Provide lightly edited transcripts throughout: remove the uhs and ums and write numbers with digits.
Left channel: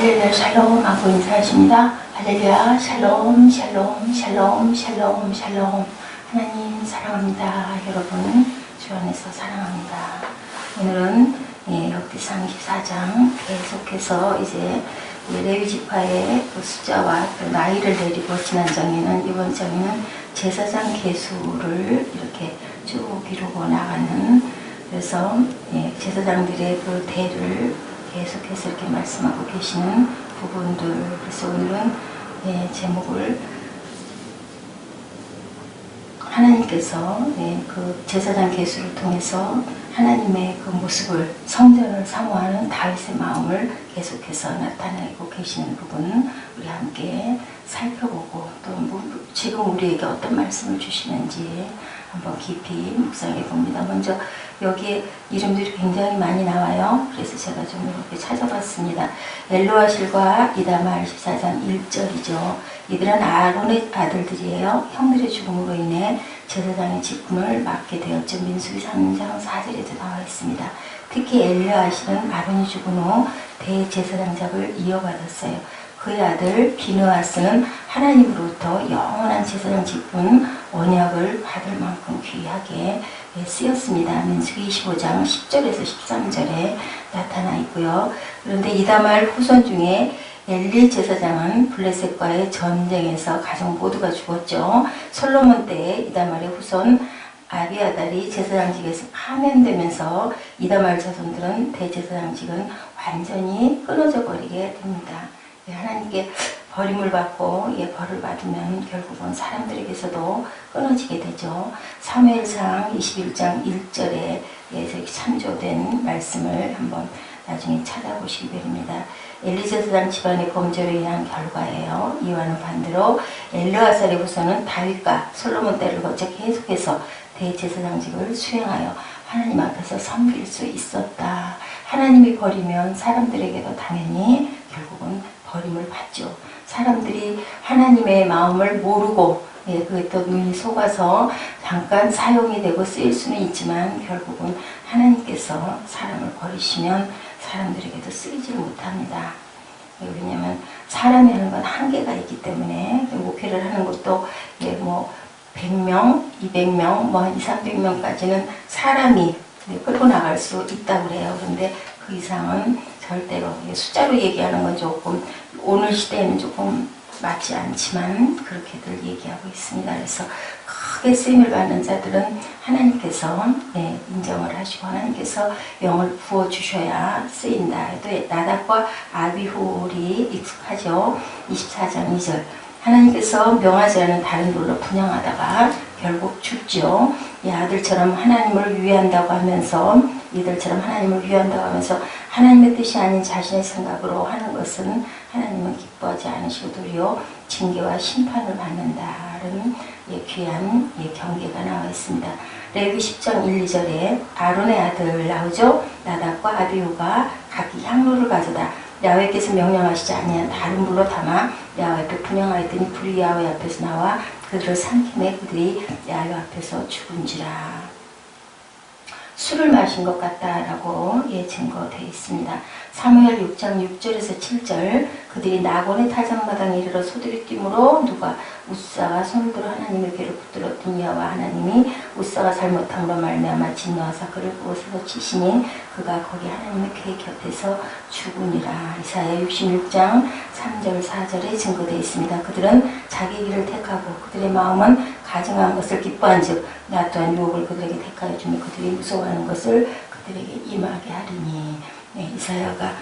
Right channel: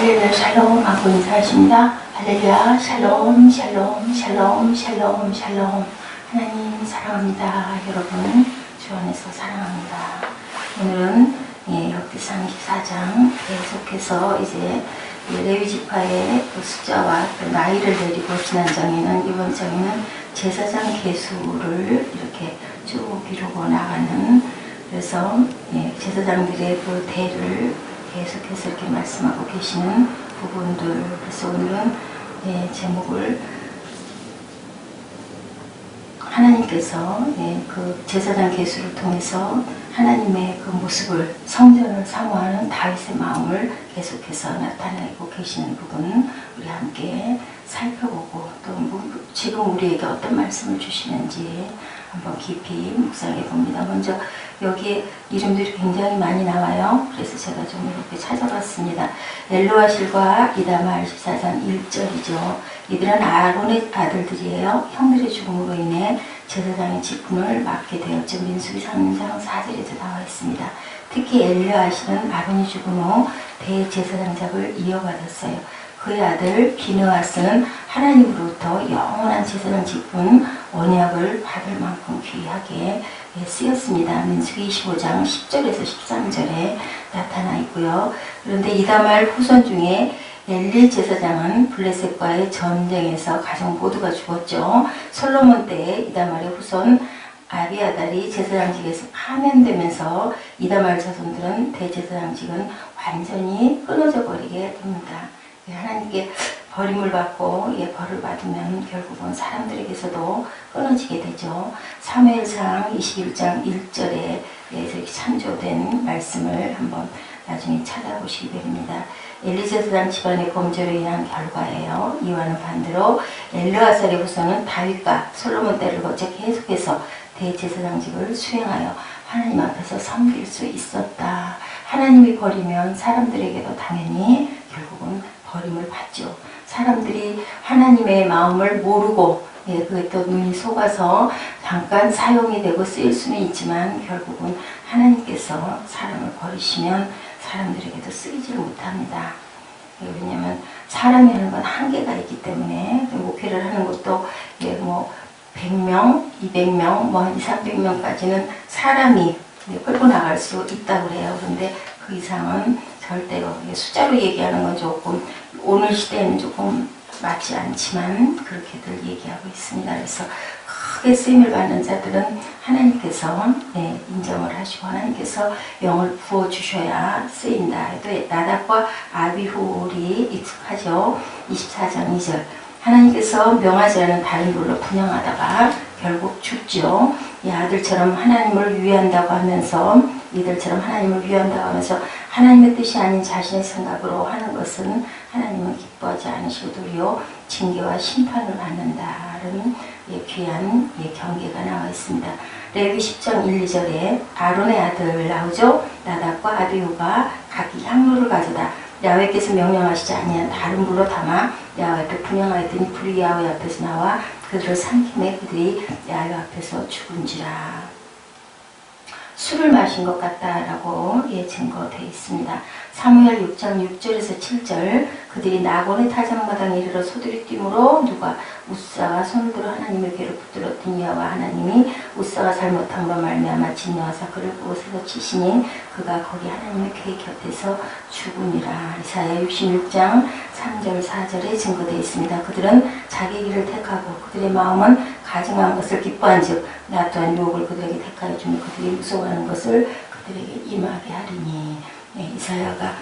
할렐루야 샬롬 하고 인사하십니다. 할렐루야 샬롬 샬롬 샬롬 샬롬 샬롬. 하나님 사랑합니다. 여러분 주 안에서 사랑합니다. 오늘은 역대상 24장 계속해서 이제 레위지파의 그 숫자와 그 나이를 내리고 지난 장에는 이번 장에는 제사장 계수를 이렇게 쭉 이루고 나가는, 그래서 제사장들의 그 대를 계속해서 이렇게 말씀하고 계시는 부분들. 그래서 오늘은 제목을 하나님께서 그 제사장 계수를 통해서 하나님의 그 모습을, 성전을 사모하는 다윗의 마음을 계속해서 나타내고 계시는 부분 우리 함께 살펴보고, 또 지금 우리에게 어떤 말씀을 주시는지 한번 깊이 묵상해 봅니다. 먼저 여기에 이름들이 굉장히 많이 나와요. 그래서 제가 좀 이렇게 찾아봤습니다. 엘로아실과 이다말 14장 1절이죠. 이들은 아론의 아들들이에요. 형들의 죽음으로 인해 제사장의 직분을 맡게 되었죠. 민수기 3장 4절에도 나와 있습니다. 특히 엘르아실은 아론이 죽은 후 대제사장직을 이어받았어요. 그의 아들 비느하스는 하나님으로부터 영원한 제사장 직분 언약을 받을 만큼 귀하게 쓰였습니다. 민수기 25장 10절에서 13절에 나타나 있고요. 그런데 이다말 후손 중에 엘리 제사장은 블레셋과의 전쟁에서 가족 모두가 죽었죠. 솔로몬 때에 이다말의 후손 아비아달이 제사장직에서 파면되면서 이다말 자손들은 대제사장직은 완전히 끊어져 버리게 됩니다. 하나님께 버림을 받고 벌을 받으면 결국은 사람들에게서도 끊어지게 되죠. 사무엘상 21장 1절에 참조된 말씀을 한번 나중에 찾아보시기 바랍니다. 엘리 제사장 집안의 범죄로 인한 결과예요. 이와는 반대로 엘르아살의 후손은 다윗과 솔로몬 때를 거쳐 계속해서 대제사장직을 수행하여 하나님 앞에서 섬길 수 있었다. 하나님이 버리면 사람들에게도 당연히 결국은 버림을 받죠. 사람들이 하나님의 마음을 모르고 그게 또 눈이 속아서 잠깐 사용이 되고 쓰일 수는 있지만 결국은 하나님께서 사람을 버리시면 사람들에게도 쓰이지를 못합니다. 왜냐하면 사람이 하는 건 한계가 있기 때문에, 목회를 하는 것도 100명, 200명, 한 200~300명까지는 사람이 끌고 나갈 수 있다고 그래요. 그런데 그 이상은 절대로, 숫자로 얘기하는 건 조금 오늘 시대에는 조금 맞지 않지만 그렇게들 얘기하고 있습니다. 그래서 크게 쓰임을 받는 자들은 하나님께서 인정을 하시고 하나님께서 영을 부어주셔야 쓰인다. 또 나답과 아비후올이 익숙하죠. 24장 2절. 하나님께서 명하지 않은 다른 돌로 분양하다가 결국 죽죠. 이 아들처럼 하나님을 위한다고 하면서, 이들처럼 하나님을 위한다고 하면서 하나님의 뜻이 아닌 자신의 생각으로 하는 것은 하나님은 기뻐하지 않으시고 도리어 징계와 심판을 받는다는 귀한 경계가 나와 있습니다. 레위 10장 1, 2절에 아론의 아들 나오죠. 나답과 아비후가 각기 향로를 가져다 야훼께서 명령하시지 아니한 다른 불로 담아 야훼 앞에 분향하였더니 불이 야훼 앞에서 나와 그들을 삼키매 그들이 야훼 앞에서 죽은지라. 술을 마신 것 같다라고 증거되어 있습니다. 사무엘 6장 6절에서 7절. 그들이 나곤의 타작마당에 이르러 소들이 뛰므로 누가 우사가 손을 들어 하나님의 괴를 붙들었더니 여호와 하나님이 우사가 잘못함으로 말미암아 진노하사 그를 그곳에서 치시니 그가 거기 하나님의 궤 곁에서 죽으니라. 이사야 66장 3절 4절에 증거되어 있습니다. 그들은 자기 길을 택하고 그들의 마음은 가증한 것을 기뻐한 즉 나 또한 유혹을 그들에게 택하여 주며 그들이 무서워하는 것을 그들에게 임하게 하리니. 이사야가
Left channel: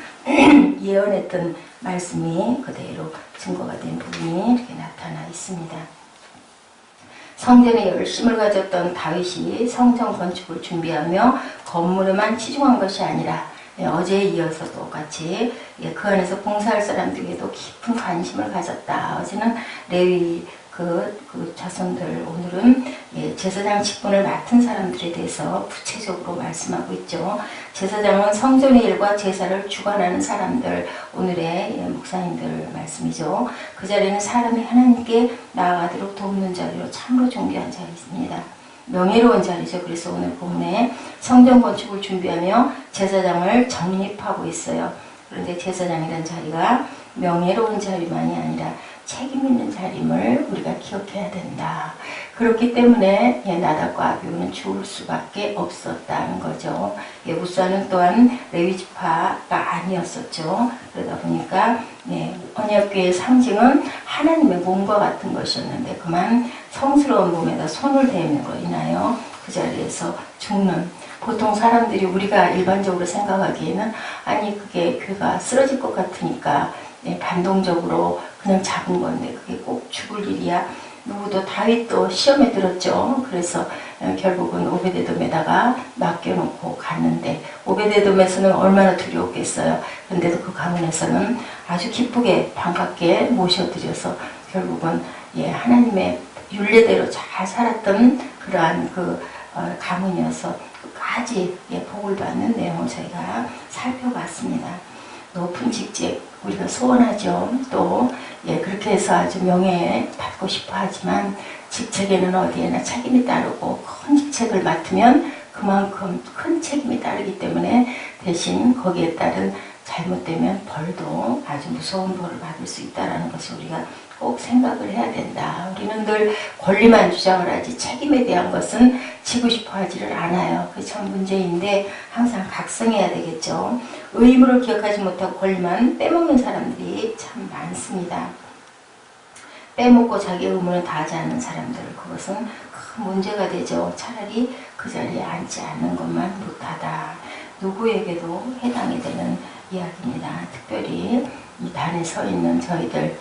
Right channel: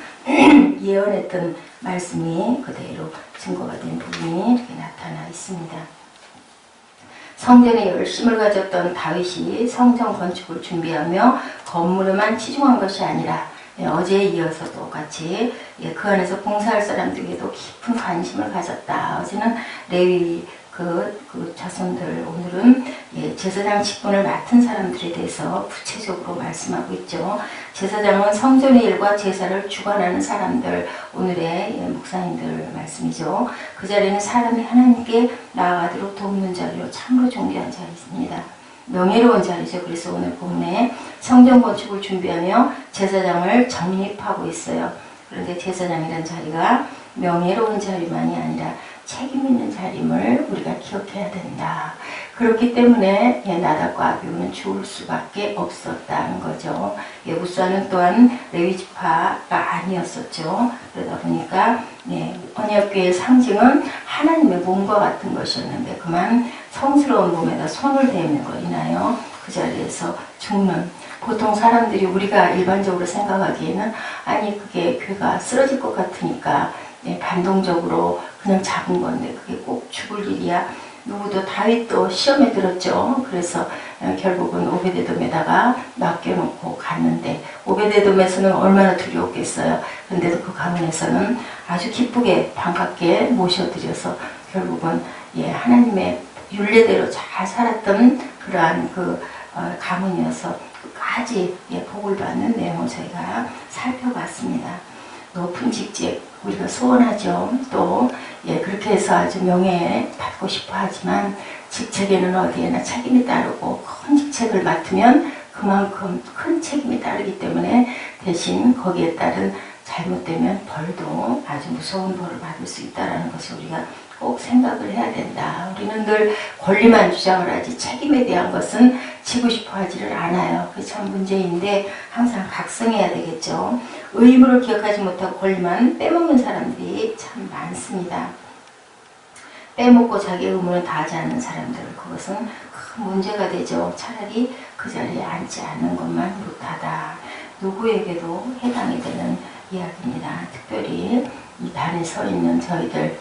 예언했던 말씀이 그대로 증거가 된 부분이 이렇게 나타나 있습니다. 성전에 열심을 가졌던 다윗이 성전 건축을 준비하며 건물에만 치중한 것이 아니라 어제에 이어서 똑같이 그 안에서 봉사할 사람들에게도 깊은 관심을 가졌다. 어제는 레위 그 자손들, 오늘은 제사장 직분을 맡은 사람들에 대해서 구체적으로 말씀하고 있죠. 제사장은 성전의 일과 제사를 주관하는 사람들, 오늘의 목사님들 말씀이죠. 그 자리는 사람이 하나님께 나아가도록 돕는 자리로 참으로 존귀한 자리입니다. 명예로운 자리죠. 그래서 오늘 본문에 성전 건축을 준비하며 제사장을 정립하고 있어요. 그런데 제사장이라는 자리가 명예로운 자리만이 아니라 책임 있는 자림을 우리가 기억해야 된다. 그렇기 때문에 나답과 아비후는 죽을 수밖에 없었다는 거죠. 우사는 또한 레위지파가 아니었었죠. 그러다 보니까 언약궤의 상징은 하나님의 몸과 같은 것이었는데 그만 성스러운 몸에다 손을 대므로 인하여 그 자리에서 죽는, 보통 사람들이 우리가 일반적으로 생각하기에는 아니 그게 괴가 쓰러질 것 같으니까 반동적으로 그냥 잡은 건데 그게 꼭 죽을 일이야. 누구도 다윗도 시험에 들었죠. 그래서 결국은 오베데돔에다가 맡겨놓고 갔는데 오베데돔에서는 얼마나 두려웠겠어요. 그런데도 그 가문에서는 아주 기쁘게 반갑게 모셔드려서 결국은 하나님의 율례대로 잘 살았던 그러한 그 가문이어서 끝까지 복을 받는 내용을 저희가 살펴봤습니다. 높은 직책 우리가 소원하죠. 또 그렇게 해서 아주 명예 받고 싶어 하지만 직책에는 어디에나 책임이 따르고 큰 직책을 맡으면 그만큼 큰 책임이 따르기 때문에 대신 거기에 따른 잘못되면 벌도 아주 무서운 벌을 받을 수 있다는 것을 우리가 꼭 생각을 해야 된다. 우리는 늘 권리만 주장을 하지 책임에 대한 것은 지고 싶어 하지를 않아요. 그게 참 문제인데 항상 각성해야 되겠죠. 의무를 기억하지 못하고 권리만 빼먹는 사람들이 참 많습니다. 빼먹고 자기 의무는 다하지 않는 사람들, 그것은 큰 문제가 되죠. 차라리 그 자리에 앉지 않는 것만 못하다. 누구에게도 해당이 되는 이야기입니다. 특별히 이 단에 서 있는 저희들,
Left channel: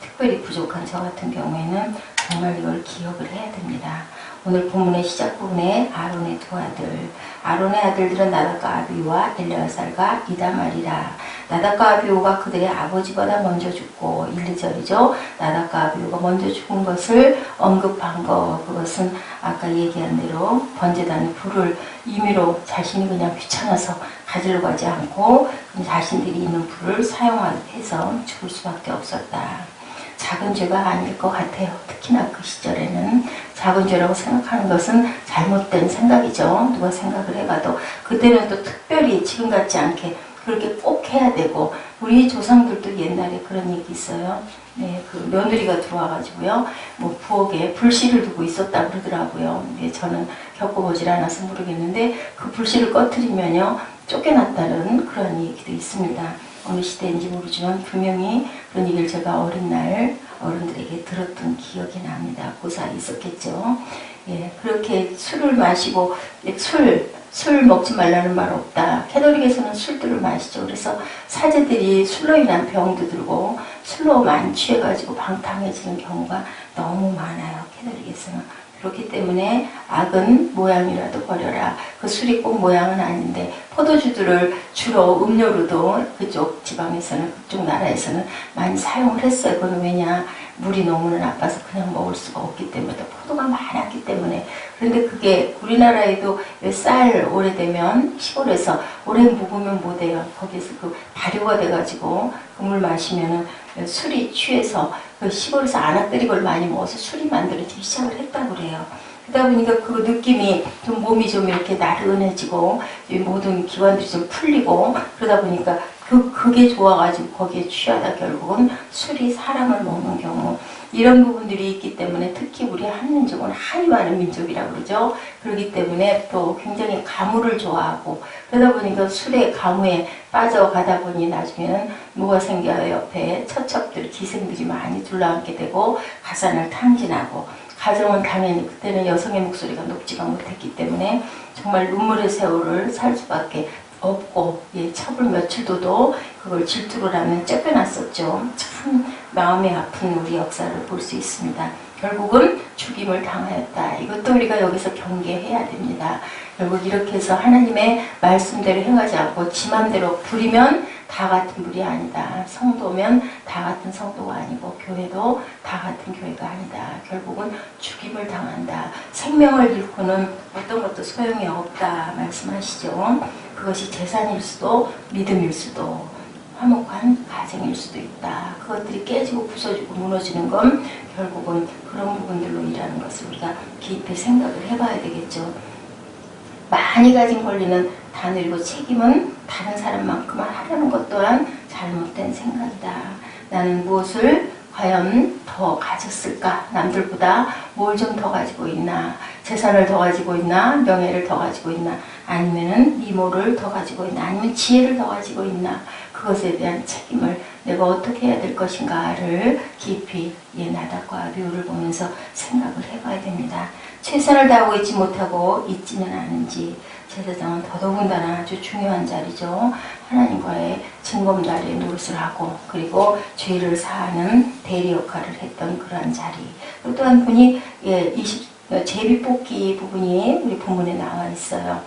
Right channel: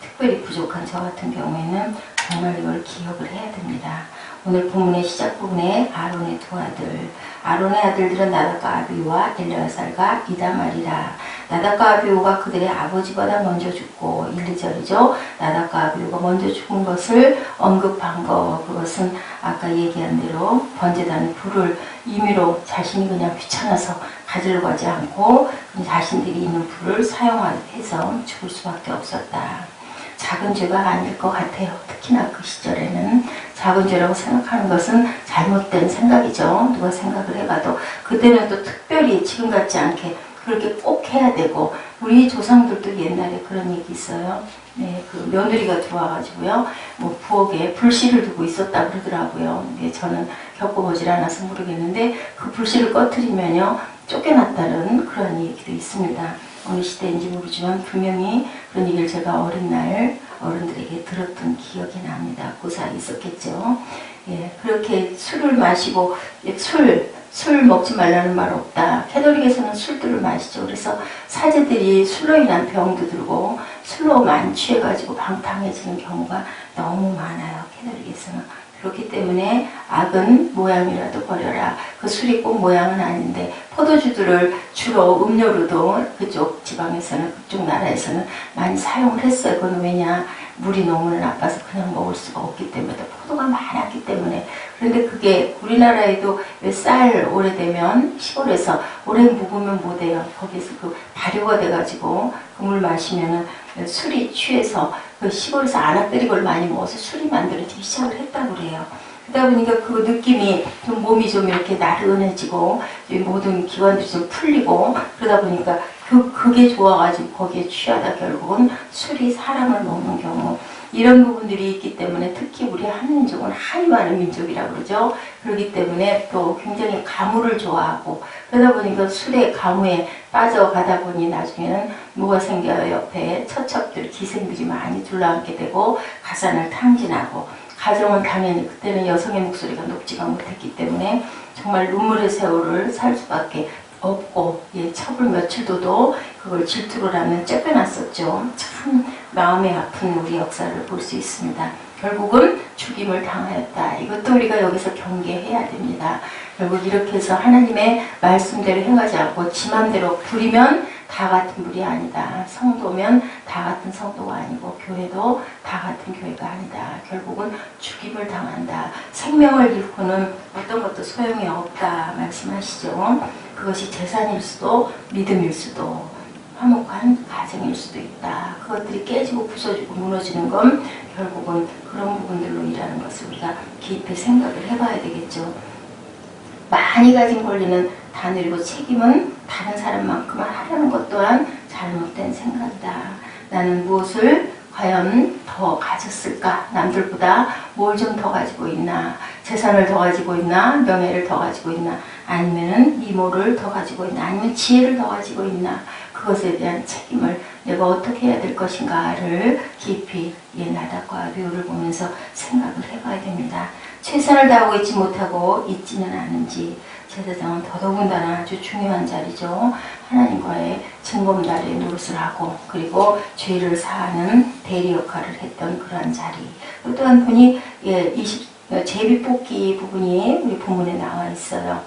특별히 부족한 저 같은 경우에는 정말 이걸 기억을 해야 됩니다. 오늘 본문의 시작 부분에 아론의 두 아들, 아론의 아들들은 나답과 아비후와 엘레아살과 이다말이라. 나답과 아비후가 그들의 아버지보다 먼저 죽고 1, 2절이죠. 나답과 아비후가 먼저 죽은 것을 언급한 거, 그것은 아까 얘기한 대로 번제단의 불을 임의로 자신이 그냥 귀찮아서 가지러 가지 않고 자신들이 있는 불을 사용해서 죽을 수밖에 없었다. 작은 죄가 아닐 것 같아요. 특히나 그 시절에는 작은 죄라고 생각하는 것은 잘못된 생각이죠. 누가 생각을 해봐도 그때는 또 특별히 지금 같지 않게 그렇게 꼭 해야 되고, 우리 조상들도 옛날에 그런 얘기 있어요. 그 며느리가 들어와가지고요, 부엌에 불씨를 두고 있었다 그러더라고요. 저는 겪어보질 않아서 모르겠는데 그 불씨를 꺼트리면요 쫓겨났다는 그런 얘기도 있습니다. 어느 시대인지 모르지만 분명히 그런 얘기를 제가 어린 날 어른들에게 들었던 기억이 납니다. 그 사이 있었겠죠. 그렇게 술을 마시고 술 먹지 말라는 말 없다. 캐톨릭에서는 술들을 마시죠. 그래서 사제들이 술로 인한 병도 들고 술로 많이 취해가지고 방탕해지는 경우가 너무 많아요. 캐톨릭에서는. 그렇기 때문에 악은 모양이라도 버려라. 그 술이 꼭 모양은 아닌데 포도주들을 주로 음료로도 그쪽 지방에서는, 그쪽 나라에서는 많이 사용을 했어요. 그건 왜냐, 물이 너무 나빠서 그냥 먹을 수가 없기 때문에, 포도가 많았기 때문에. 그런데 그게 우리나라에도 쌀 오래되면 시골에서 오래 묵으면 못해요. 거기에서 그 발효가 돼가지고 그 물 마시면은 술이 취해서 그 시골에서 안악들이 걸 많이 먹어서 술이 만들어지기 시작을 했다고 그래요. 그러다 보니까 그 느낌이 좀 몸이 좀 이렇게 나른해지고 모든 기관들이 좀 풀리고 그러다 보니까 그게 좋아가지고 거기에 취하다 결국은 술이 사람을 먹는 경우, 이런 부분들이 있기 때문에 특히 우리 한민족은 한이 많은 민족이라고 그러죠. 그렇기 때문에 또 굉장히 가무를 좋아하고 그러다 보니까 술의 가무에 빠져가다 보니 나중에는 뭐가 생겨요. 옆에 처첩들, 기생들이 많이 둘러앉게 되고 가산을 탕진하고, 가정은 당연히 그때는 여성의 목소리가 높지가 못했기 때문에 정말 눈물의 세월을 살 수밖에 없고, 첩을 며칠도도 그걸 질투로 하면 쫓겨났었죠. 참 마음이 아픈 우리 역사를 볼 수 있습니다. 결국은 죽임을 당하였다. 이것도 우리가 여기서 경계해야 됩니다. 결국 이렇게 해서 하나님의 말씀대로 행하지 않고 지 맘대로 부리면 다 같은 불이 아니다. 성도면 다 같은 성도가 아니고 교회도 다 같은 교회가 아니다. 결국은 죽임을 당한다. 생명을 잃고는 어떤 것도 소용이 없다 말씀하시죠. 그것이 재산일 수도 믿음일 수도 화목한 가정일 수도 있다. 그것들이 깨지고 부서지고 무너지는 건 결국은 그런 부분들로 일하는 것을 우리가 깊이 생각을 해봐야 되겠죠. 많이 가진 권리는 다 누리고 책임은 다른 사람만큼만 하려는 것 또한 잘못된 생각이다. 나는 무엇을 과연 더 가졌을까? 남들보다 뭘 좀 더 가지고 있나? 재산을 더 가지고 있나? 명예를 더 가지고 있나? 아니면은 미모를 더 가지고 있나? 아니면 지혜를 더 가지고 있나? 그것에 대한 책임을 내가 어떻게 해야 될 것인가를 깊이 나답과 류를 보면서 생각을 해봐야 됩니다. 최선을 다하고 있지 못하고 있지는 않은지, 제사장은 더더군다나 아주 중요한 자리죠. 하나님과의 증검다리에 노릇을 하고 그리고 죄를 사하는 대리 역할을 했던 그러한 자리. 또한 분이 제비뽑기 부분이 우리 본문에 나와 있어요.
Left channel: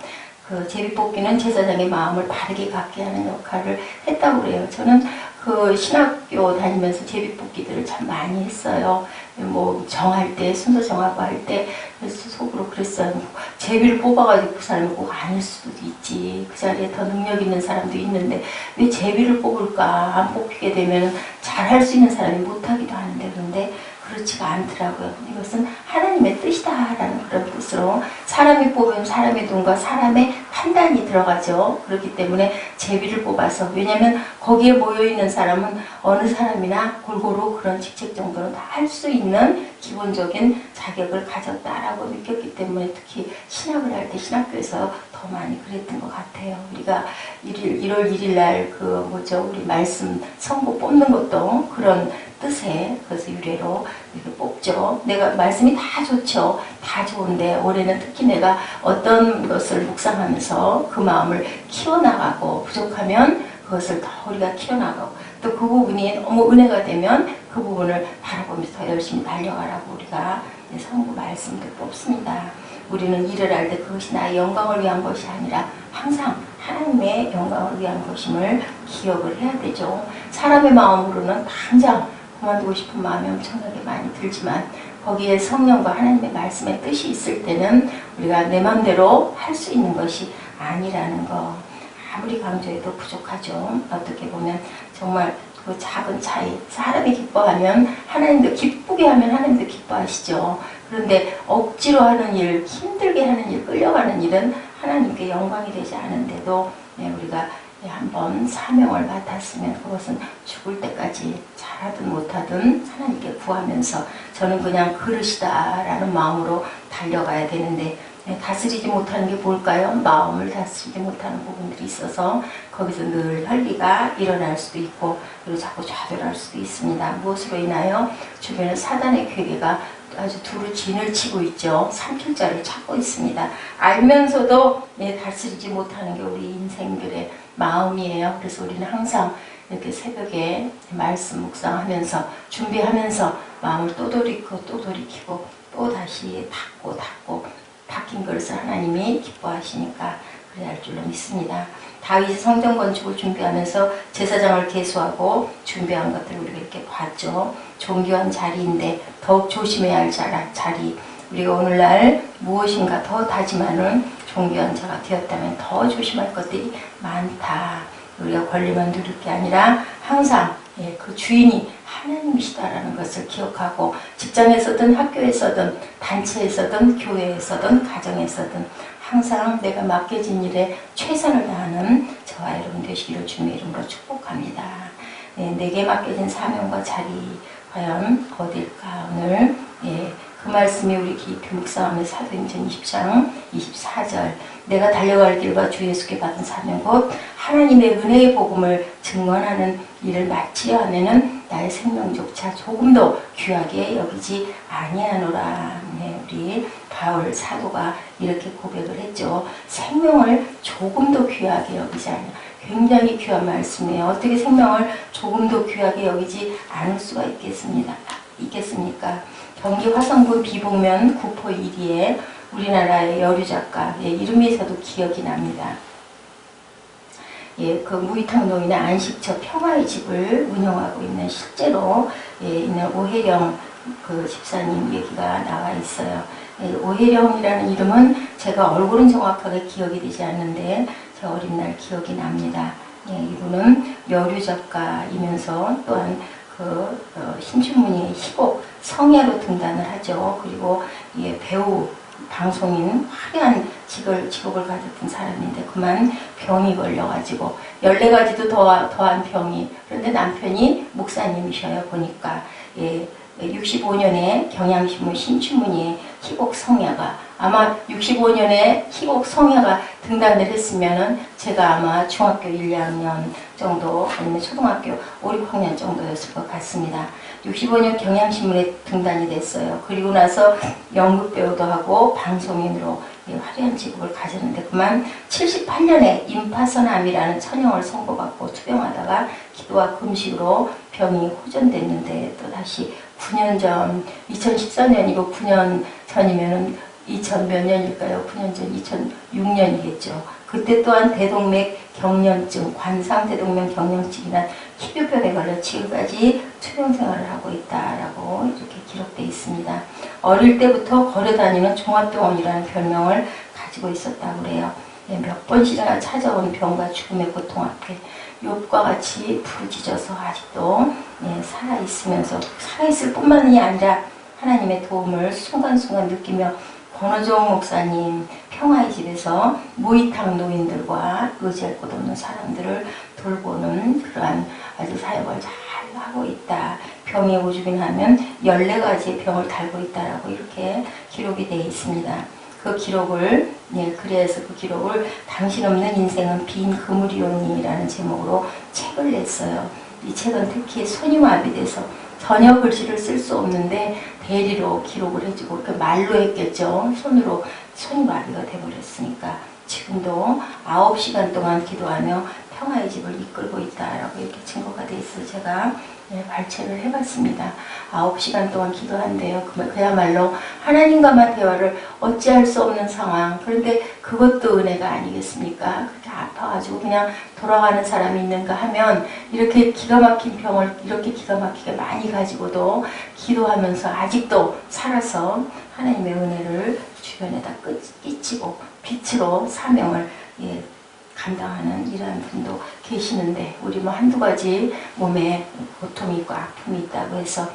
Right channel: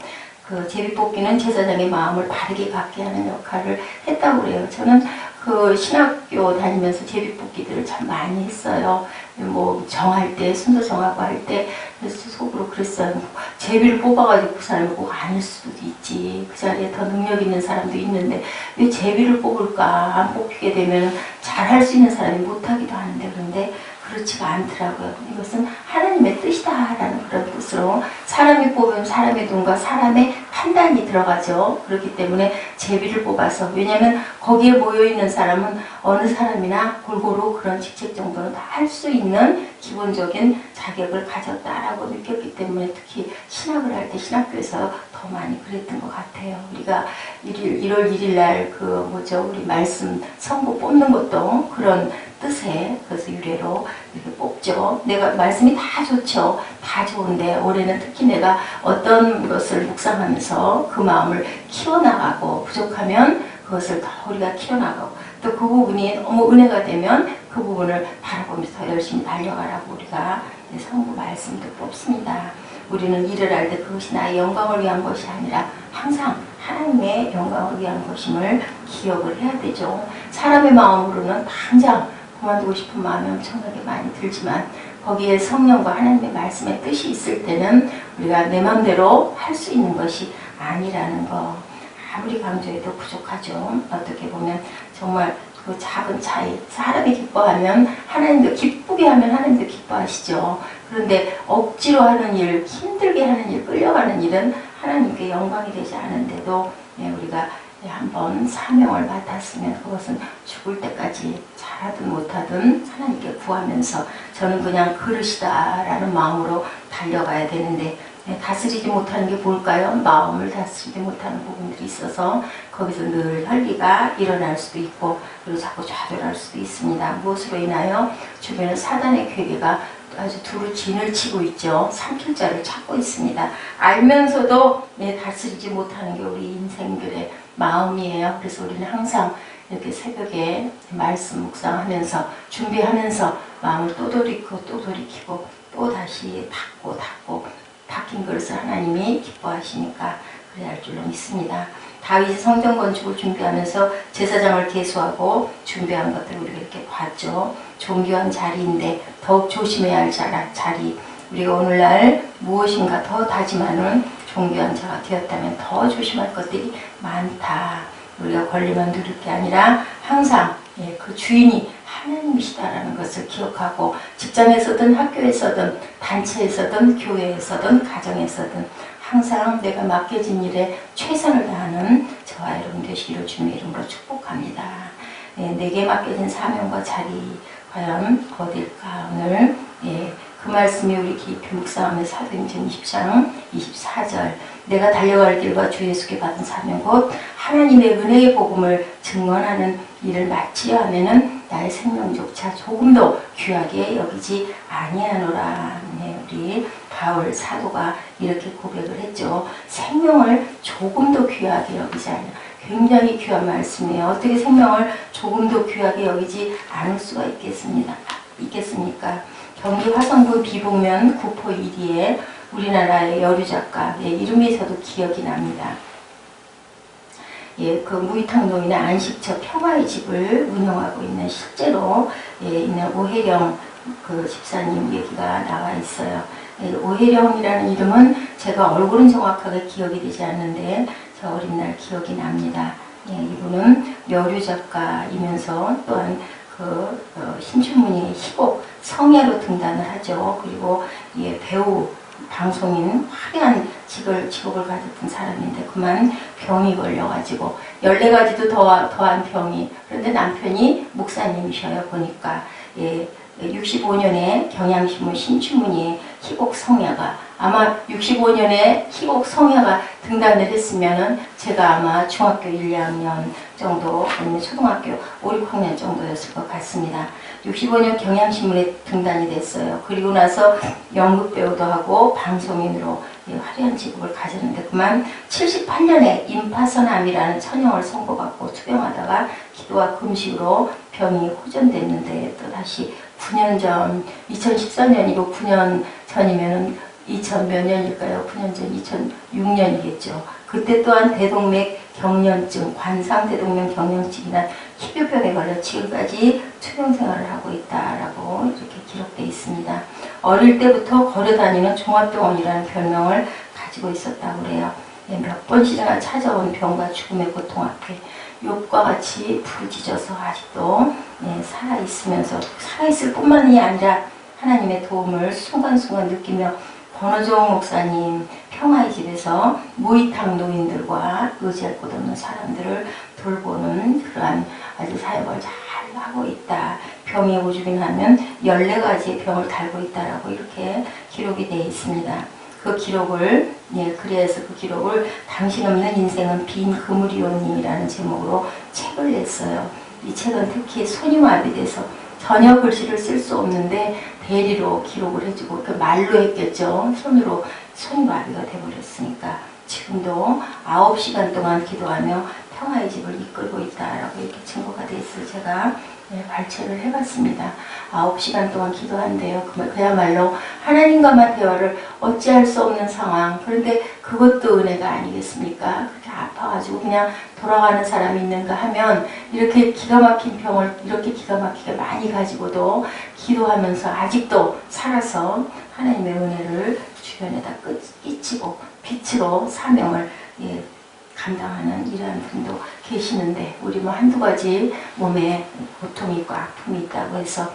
그 제비뽑기는 제사장의 마음을 바르게 갖게 하는 역할을 했다고 그래요. 저는 그 신학교 다니면서 제비뽑기들을 참 많이 했어요. 뭐 정할 때, 순서 정하고 할 때, 그래서 속으로 그랬어요. 제비를 뽑아가지고 그 사람이 꼭 아닐 수도 있지. 그 자리에 더 능력 있는 사람도 있는데 왜 제비를 뽑을까? 안 뽑히게 되면 잘할 수 있는 사람이 못하기도 하는데, 그런데 그렇지가 않더라고요. 이것은 하나님의 뜻이다라는 그런 뜻으로 사람이 뽑으면 사람의 눈과 사람의 판단이 들어가죠. 그렇기 때문에 제비를 뽑아서, 왜냐하면 거기에 모여있는 사람은 어느 사람이나 골고루 그런 직책 정도는 다 할 수 있는 기본적인 자격을 가졌다라고 느꼈기 때문에 특히 신학을 할 때 신학교에서 더 많이 그랬던 것 같아요. 우리가 1월 1일 날 우리 말씀 성부 뽑는 것도 그런 뜻에, 그래서 유래로 이렇게 뽑죠. 내가 말씀이 다 좋죠. 다 좋은데 올해는 특히 내가 어떤 것을 묵상하면서 그 마음을 키워나가고, 부족하면 그것을 더 우리가 키워나가고, 또 그 부분이 너무 은혜가 되면 그 부분을 바라보면서 더 열심히 달려가라고 우리가 성부 말씀도 뽑습니다. 우리는 일을 할 때 그것이 나의 영광을 위한 것이 아니라 항상 하나님의 영광을 위한 것임을 기억을 해야 되죠. 사람의 마음으로는 당장 그만두고 싶은 마음이 엄청나게 많이 들지만 거기에 성령과 하나님의 말씀의 뜻이 있을 때는 우리가 내 마음대로 할 수 있는 것이 아니라는 거, 아무리 강조해도 부족하죠. 어떻게 보면 정말 그 작은 차이, 사람이 기뻐하면 하나님도 기쁘게 하면 하나님도 기뻐하시죠. 그런데 억지로 하는 일, 힘들게 하는 일, 끌려가는 일은 하나님께 영광이 되지 않은데도 우리가 한번 사명을 맡았으면 그것은 죽을 때까지 잘하든 못하든 하나님께 구하면서 저는 그냥 그릇이다라는 마음으로 달려가야 되는데, 다스리지 못하는 게 뭘까요? 마음을 다스리지 못하는 부분들이 있어서 거기서 늘 혈기가 일어날 수도 있고, 그리고 자꾸 좌절할 수도 있습니다. 무엇으로 인하여? 주변에 사단의 괴계가 아주 두루 진을 치고 있죠. 삼킬자를 찾고 있습니다. 알면서도 다스리지 못하는 게 우리 인생들의 마음이에요. 그래서 우리는 항상 이렇게 새벽에 말씀 묵상하면서 준비하면서 마음을 또 돌이키고 또 돌이키고 또 다시 닫고 닫힌 그릇을 하나님이 기뻐하시니까 그래야 할 줄로 믿습니다. 다윗이 성전 건축을 준비하면서 제사장을 계수하고 준비한 것들을 우리가 이렇게 봤죠. 존귀한 자리인데 더욱 조심해야 할 자리. 우리가 오늘날 무엇인가 더 다짐하는 존귀한 자가 되었다면 더 조심할 것들이 많다. 우리가 권리만 누릴 게 아니라 항상 그 주인이 하나님이시다라는 것을 기억하고, 직장에서든 학교에서든 단체에서든 교회에서든 가정에서든 항상 내가 맡겨진 일에 최선을 다하는 저와 여러분 되시기를 주님의 이름으로 축복합니다. 내게 맡겨진 사명과 자리 과연 어딜까? 오늘 그 말씀이 우리 깊이 묵상하며 사도행전 20장 24절, 내가 달려갈 길과 주 예수께 받은 사명 곧 하나님의 은혜의 복음을 증언하는 일을 마치려 하면은 나의 생명조차 조금도 귀하게 여기지 아니하노라. 우리 바울 사도가 이렇게 고백을 했죠. 생명을 조금도 귀하게 여기지 않냐. 굉장히 귀한 말씀이에요. 어떻게 생명을 조금도 귀하게 여기지 않을 수가 있겠습니까? 경기 화성군 비봉면 구포 1리에 우리나라의 여류 작가 이름이 저도 기억이 납니다. 그 무이탕 노인의 안식처 평화의 집을 운영하고 있는 실제로 있는 오혜령 그 집사님 얘기가 나와 있어요. 오혜령이라는 이름은 제가 얼굴은 정확하게 기억이 되지 않는데 저 어린 날 기억이 납니다. 이분은 여류 작가이면서 또한 신춘문예 희곡 성야로 등단을 하죠. 그리고 배우 방송인 화려한 직업을 가졌던 사람인데 그만 병이 걸려가지고 14가지도 더한 병이. 그런데 남편이 목사님이셔요. 보니까 65년에 경향신문 신춘문예에 희곡 성야가, 아마 65년에 희곡 성야가 등단을 했으면은 제가 아마 중학교 1, 2학년 정도 아니면 초등학교 5, 6학년 정도였을 것 같습니다. 65년 경향신문에 등단이 됐어요. 그리고 나서 연극배우도 하고 방송인으로 화려한 직업을 가졌는데 그만 78년에 임파선암이라는 천형을 선고받고 투병하다가 기도와 금식으로 병이 호전됐는데 또 다시 9년 전, 2014년이고 9년 전이면은 2000 몇 년일까요? 9년 전 2006년이겠죠. 그때 또한 대동맥 경련증, 관상대동맥 경련증이란 희귀병에 걸려 지금까지 투병 생활을 하고 있다라고 이렇게 기록되어 있습니다. 어릴 때부터 걸어다니는 종합병원이라는 별명을 가지고 있었다고 그래요. 몇 번씩이나 찾아온 병과 죽음의 고통 앞에 욥과 같이 부르짖어서 아직도 살아있으면서 살아있을 뿐만이 아니라 하나님의 도움을 순간순간 느끼며 권호종 목사님 평화의 집에서 무이탁 노인들과 의지할 곳 없는 사람들을 돌보는 그러한 아주 사역을 잘 하고 있다. 병이 오주긴 하면 14가지의 병을 달고 있다라고 이렇게 기록이 되어 있습니다. 그 기록을 그래서 그 기록을 당신 없는 인생은 빈 그물이오니라는 제목으로 책을 냈어요. 이 책은 특히 손이 마비돼서 전혀 글씨를 쓸 수 없는데 대리로 기록을 해주고 그러니까 말로 했겠죠. 손으로 손이 마비가 돼버렸으니까 지금도 9시간 동안 기도하며 평화의 집을 이끌고 있다라고 이렇게 증거가 돼 있어서 제가 발췌를 해봤습니다. 9시간 동안 기도한대요. 그야말로 하나님과만 대화를 어찌할 수 없는 상황. 그런데 그것도 은혜가 아니겠습니까? 그렇게 아파가지고 그냥 돌아가는 사람이 있는가 하면 이렇게 기가 막힌 병을 이렇게 기가 막히게 많이 가지고도 기도하면서 아직도 살아서 하나님의 은혜를 주변에다 끼치고 빛으로 사명을 감당하는 이러한 분도 계시는데 우리 뭐 한두 가지 몸에 고통이 있고 아픔이 있다고 해서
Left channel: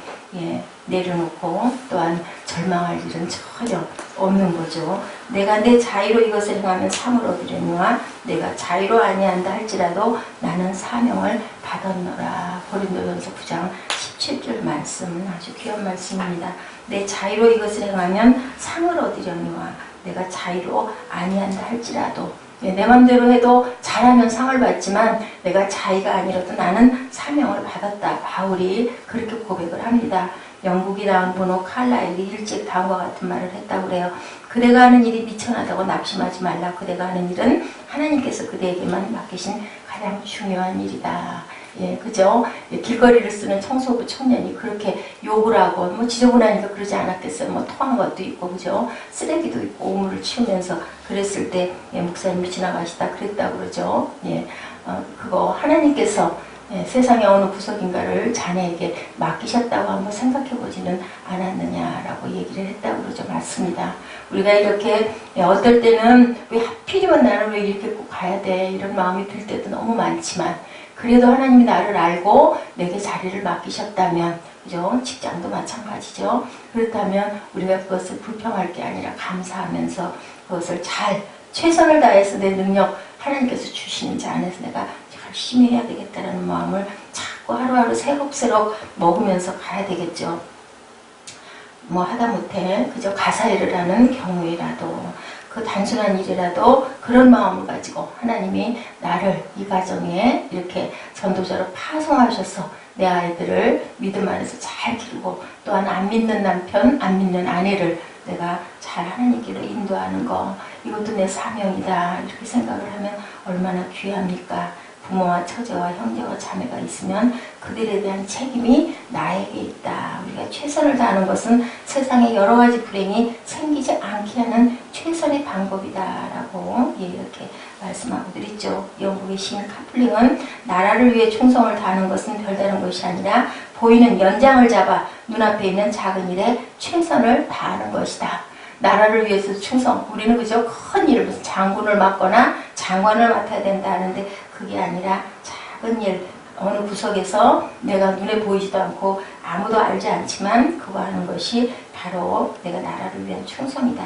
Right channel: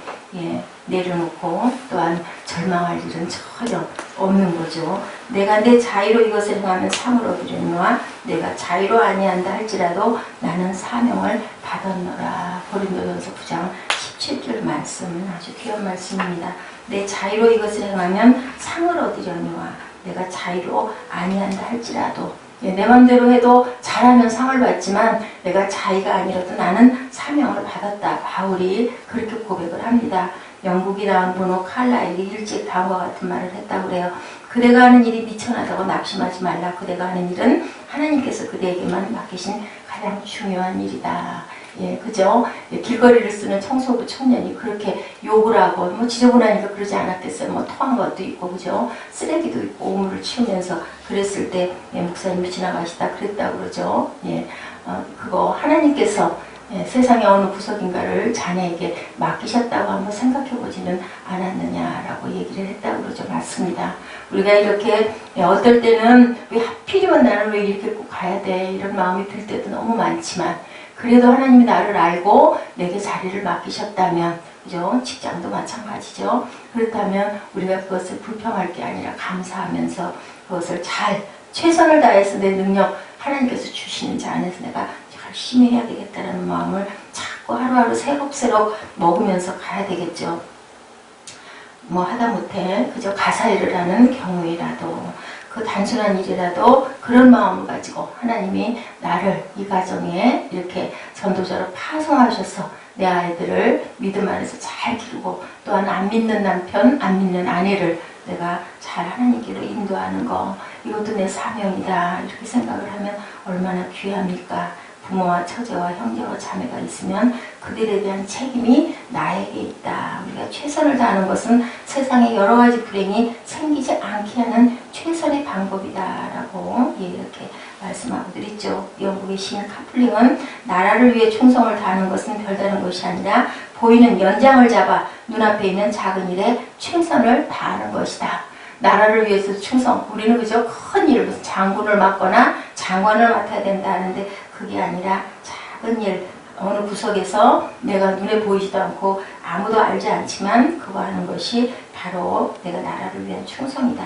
내려놓고 또한 절망할 일은 전혀 없는 거죠. 내가 내 자의로 이것을 행하면 상을 얻으려니와 내가 자의로 아니한다 할지라도 나는 사명을 받았노라. 고린도전서 9장 17절 말씀 아주 귀한 말씀입니다. 내 자의로 이것을 행하면 상을 얻으려니와 내가 자의로 아니한다 할지라도 내 맘대로 해도 잘하면 상을 받지만 내가 자의가 아니라도 나는 사명을 받았다. 바울이 그렇게 고백을 합니다. 영국이 나온 번호 칼라일이 일찍 다음과 같은 말을 했다고 그래요. 그대가 하는 일이 미천하다고 낙심하지 말라. 그대가 하는 일은 하나님께서 그대에게만 맡기신 가장 중요한 일이다. 그죠? 길거리를 쓰는 청소부 청년이 그렇게 욕을 하고, 뭐 지저분하니까 그러지 않았겠어요. 뭐 토한 것도 있고, 그죠? 쓰레기도 있고, 오물을 치우면서 그랬을 때, 목사님이 지나가시다 그랬다고 그러죠. 그거 하나님께서 세상의 어느 구석인가를 자네에게 맡기셨다고 한번 생각해 보지는 않았느냐라고 얘기를 했다고 그러죠. 맞습니다. 우리가 이렇게 어떨 때는 왜 하필이면 나는 왜 이렇게 꼭 가야 돼 이런 마음이 들 때도 너무 많지만 그래도 하나님이 나를 알고 내게 자리를 맡기셨다면 그죠? 직장도 마찬가지죠. 그렇다면 우리가 그것을 불평할 게 아니라 감사하면서 그것을 잘 최선을 다해서 내 능력 하나님께서 주시는 자 안에서 내가 열심히 해야 되겠다는 마음을 자꾸 하루하루 새록새록 먹으면서 가야 되겠죠. 뭐 하다못해 그저 가사일을 하는 경우에라도 그 단순한 일이라도 그런 마음을 가지고 하나님이 나를 이 가정에 이렇게 전도자로 파송하셔서 내 아이들을 믿음 안에서 잘 기르고 또한 안 믿는 남편, 안 믿는 아내를 내가 잘 하나님께로 인도하는 거 이것도 내 사명이다 이렇게 생각을 하면 얼마나 귀합니까? 부모와 처제와 형제와 자매가 있으면 그들에 대한 책임이 나에게 있다. 우리가 최선을 다하는 것은 세상에 여러 가지 불행이 생기지 않게 하는 최선의 방법이다라고 이렇게 말씀하고들 있죠. 영국의 시인 카플링은 나라를 위해 충성을 다하는 것은 별다른 것이 아니라 보이는 연장을 잡아 눈앞에 있는 작은 일에 최선을 다하는 것이다. 나라를 위해서 충성. 우리는 그저 큰 일을 무슨 장군을 맡거나 장관을 맡아야 된다 하는데 그게 아니라 작은 일 어느 구석에서 내가 눈에 보이지도 않고 아무도 알지 않지만 그거 하는 것이 바로 내가 나라를 위한 충성이다.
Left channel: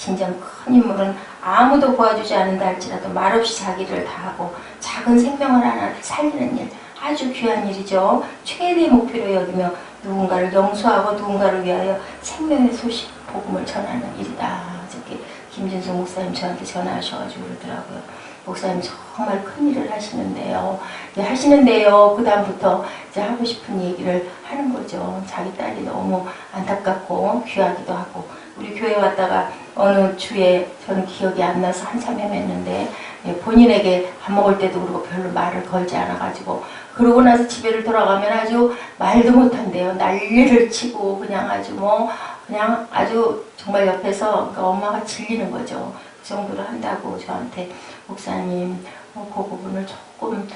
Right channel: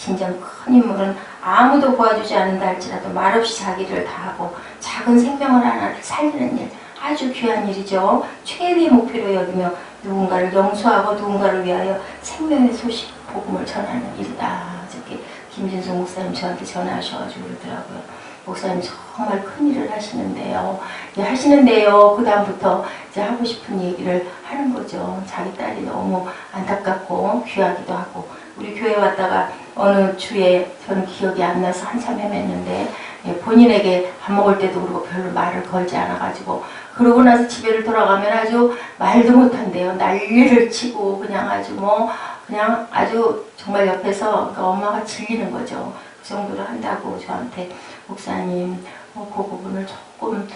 진정 큰 인물은 아무도 도와주지 않는다 할지라도 말없이 자기를 다하고 작은 생명을 하나를 살리는 일, 아주 귀한 일이죠. 최대의 목표로 여기며 누군가를 용서하고 누군가를 위하여 생명의 소식, 복음을 전하는 일이다. 저렇게 김진숙 목사님 저한테 전화하셔가지고 그러더라고요. 목사님 정말 큰 일을 하시는데요. 그 다음부터 이제 하고 싶은 얘기를 하는 거죠. 자기 딸이 너무 안타깝고 귀하기도 하고, 우리 교회 왔다가 어느 주에 저는 기억이 안 나서 한참 헤맸는데, 본인에게 밥 먹을 때도 그러고 별로 말을 걸지 않아가지고, 그러고 나서 집에를 돌아가면 아주 말도 못한대요. 난리를 치고 그냥 아주 그냥 아주 정말 옆에서 그러니까 엄마가 질리는 거죠. 그 정도로 한다고 저한테, 목사님 그 부분을 조금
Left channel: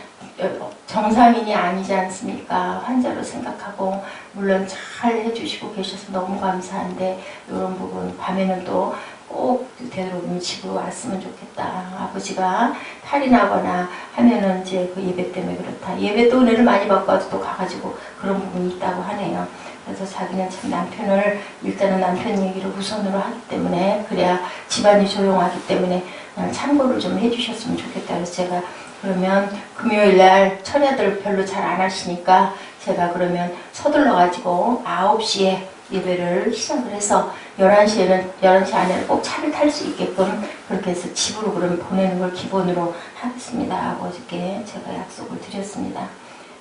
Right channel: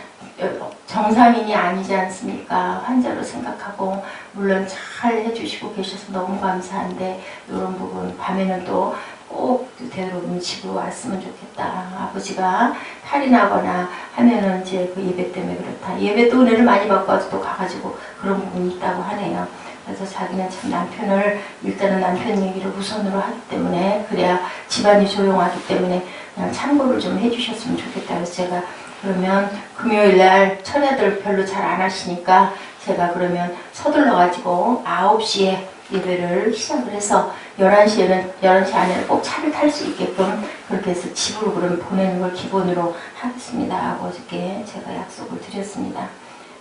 정상인이 아니지 않습니까? 환자로 생각하고 물론 잘 해주시고 계셔서 너무 감사한데 이런 부분 밤에는 또 꼭 되도록이면 집으로 왔으면 좋겠다. 아버지가 탈이 나거나 하면은 이제 그 예배 때문에 그렇다. 예배 또 은혜를 많이 받고 와도 또 가가지고 그런 부분이 있다고 하네요. 그래서 자기는 참 남편을 일단은 남편 얘기를 우선으로 하기 때문에, 그래야 집안이 조용하기 때문에 그냥 참고를 좀 해주셨으면 좋겠다. 그래서 제가 그러면 금요일날 처녀들 별로 잘 안 하시니까 제가 그러면 서둘러가지고 9시에 예배를 시작을 해서 11시 안에는 꼭 차를 탈 수 있게끔 그렇게 해서 집으로 그럼 보내는 걸 기본으로 하겠습니다 하고 어저께 제가 약속을 드렸습니다.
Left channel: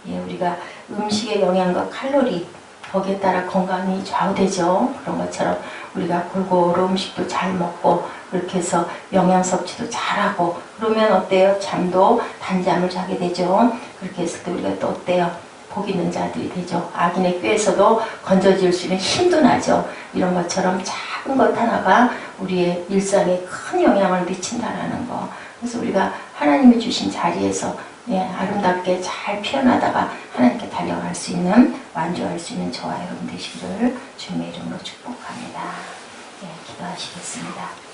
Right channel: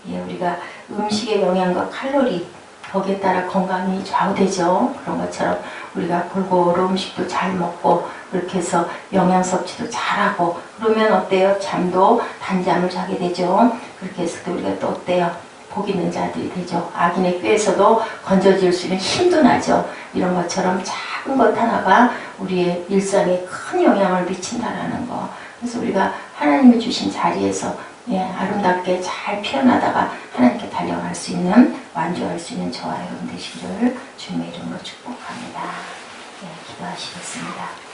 예, 우리가 음식의 영양과 칼로리 거기에 따라 건강이 좌우되죠. 그런 것처럼 우리가 골고루 음식도 잘 먹고 그렇게 해서 영양 섭취도 잘하고 그러면 어때요? 잠도 단잠을 자게 되죠. 그렇게 해서 또 우리가 또 어때요? 복 있는 자들이 되죠. 악인의 꾀에서도 건져질 수 있는 힘도 나죠. 이런 것처럼 작은 것 하나가 우리의 일상에 큰 영향을 미친다라는 거. 그래서 우리가 하나님이 주신 자리에서 아름답게 잘 피어나다가 하나님께 달려갈 수 있는, 완주할 수 있는 저와 여러분 되시기를 주님의 이름으로 축복합니다. 기도하시겠습니다.